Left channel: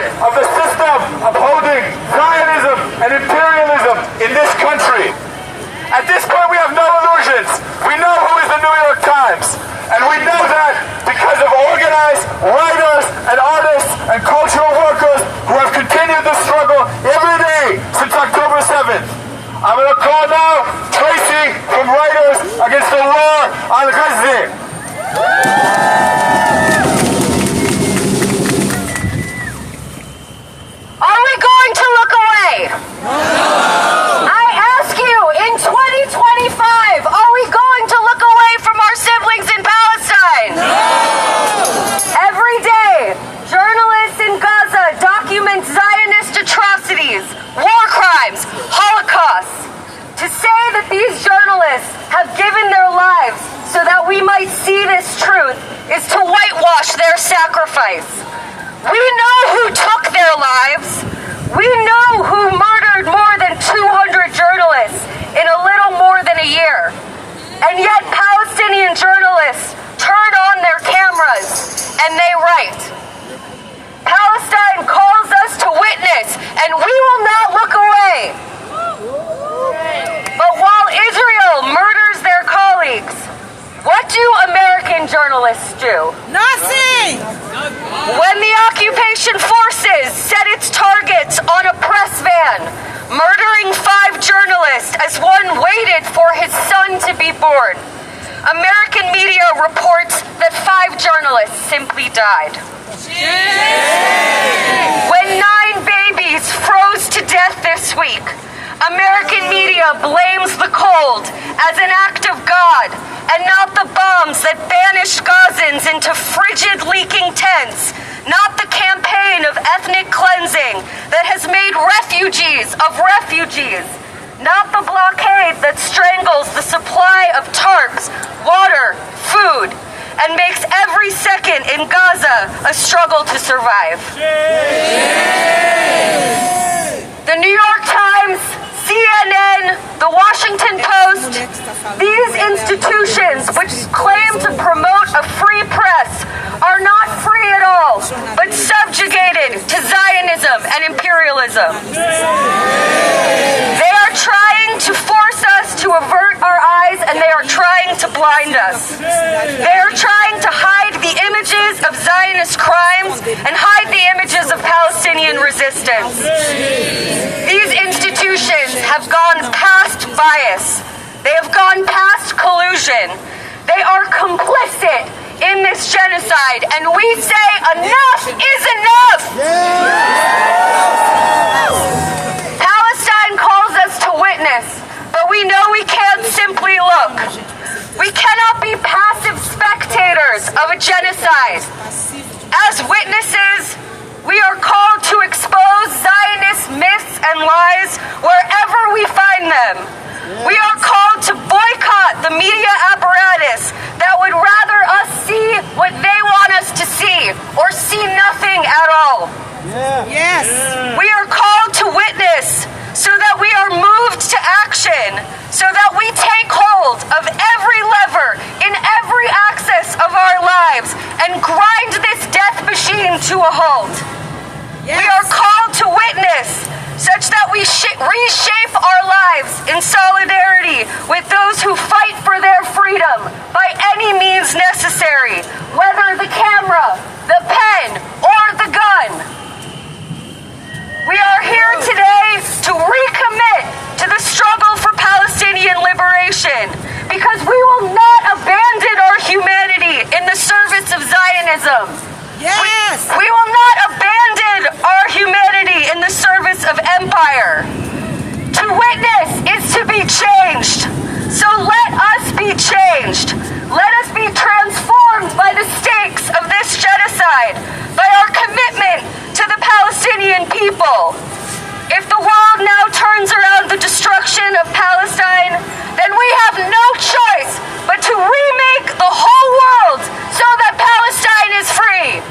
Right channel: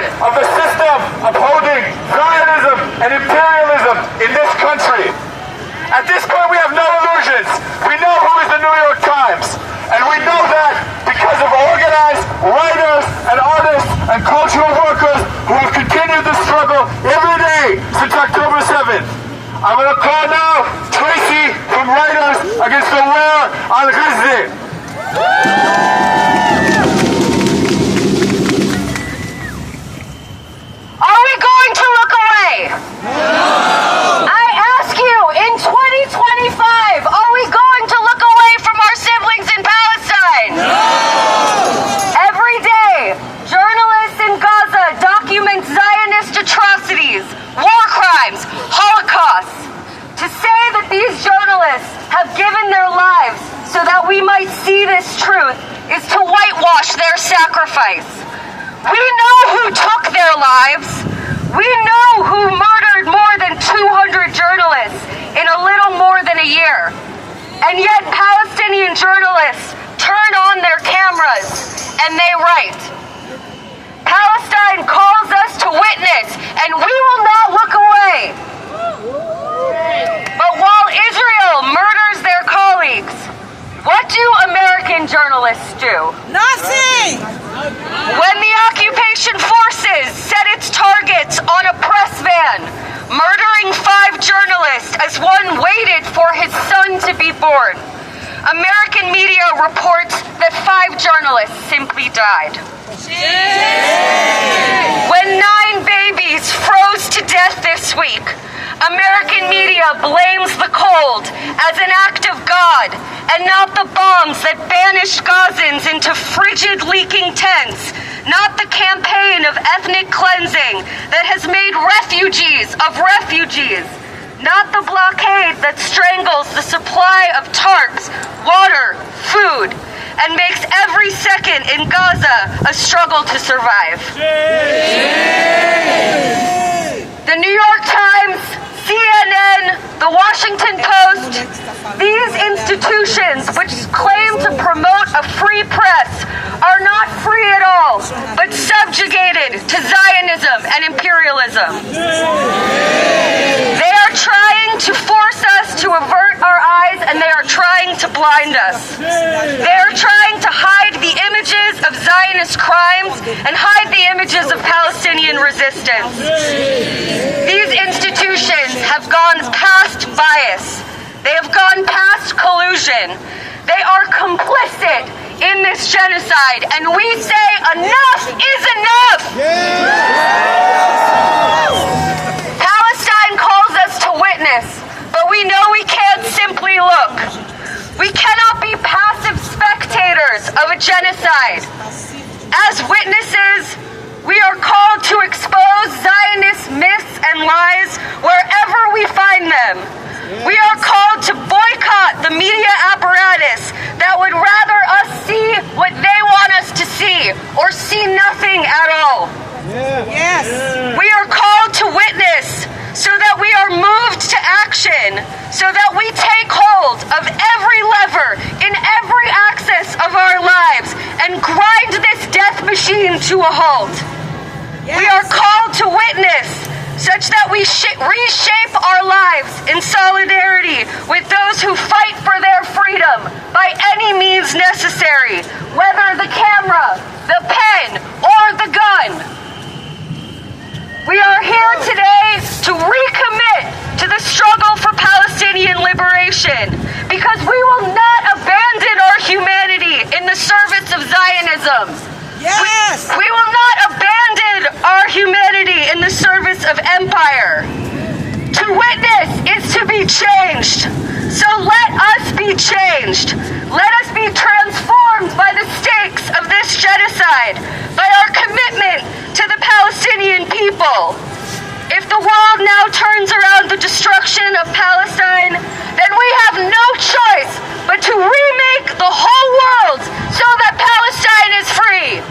side of the system upholding Zionism and imperialism in this country. At this point, we have no illusions. We know who is the New York Times. And we know that because of organized writers and artists and cultural workers who have continued the struggle every day since October 7th. I'm going to call now Tracy from Writers Against the War on Gaza. Are we going to look away? No! I ask you, in 2025, are we going to look away from our siblings in Palestine? No! Every day, journalists in Gaza document Zionist atrocities, war crimes, holocausts. To say that these journalists have given their lives so that we might see this truth is to whitewash their sacrifice. We know who took their lives. We know who murdered more than 200 journalists in a little more than a year. And yet Palestinian journalists turn on their cameras and they write. Palestine calls us to witness, and we will not look away. But while Israel murders their colleagues, what do American journalists do? Nothing! When the occupation forces set its targets on a press van, murdering 5 journalists as one waited for his son to be born, American media reports that 5 journalists simply died. When 9 babies froze to death this week, American media blames the cold as an act of God and not the bombs that banished Gazans into frigid, leaking tents, not the campaign of ethnic cleansing that has made refugees of refugees, not the blockade that strangles the supply of tarps, water, food, and makes every second in Gaza a struggle to survive. The New York Times, CNN, the Washington Post, these institutions which claim to promote a free press are not free at all, but subjugated to Zionism and imperialism. They are trying to force us to avert our eyes, and they are trying to blind us. They are trying to hide the images of Zionist crimes and hide the images of Palestinian resistance. These institutions have gone past bias. They have gone past collusion. They are complicit in this genocide, and we say enough is enough! Palestine calls us to witness, but we know we can't simply look. We cannot be passive spectators of a genocide. As witnesses, we are called to expose Zionist myths and lies wherever we find them. We are called to boycott the media apparatus that would rather us see what they want us to see or see nothing at all. Yes! We are called to witness so that we are moved to action, so that we take hold of every lever in every axis of our lives and grind this death machine to a halt. Yes. We are called to witness such that we reshape our lives in solidarity with those who fight for their freedom by any means necessary, whether the camera, the pen, or the gun. We are here today to recommit to the struggle for Palestinian liberation, because we will not abandon our humanity in the service of Zionism. Yes! We will not abandon our humanity in the service of empire. To witness is to be changed. So let us be changed. Let us be transformed by the stakes of this genocide, by our commitment to the Palestinian people. If the world now turns around the destruction of Palestine, then we have no choice but to remake the whole world so that Palestine is free.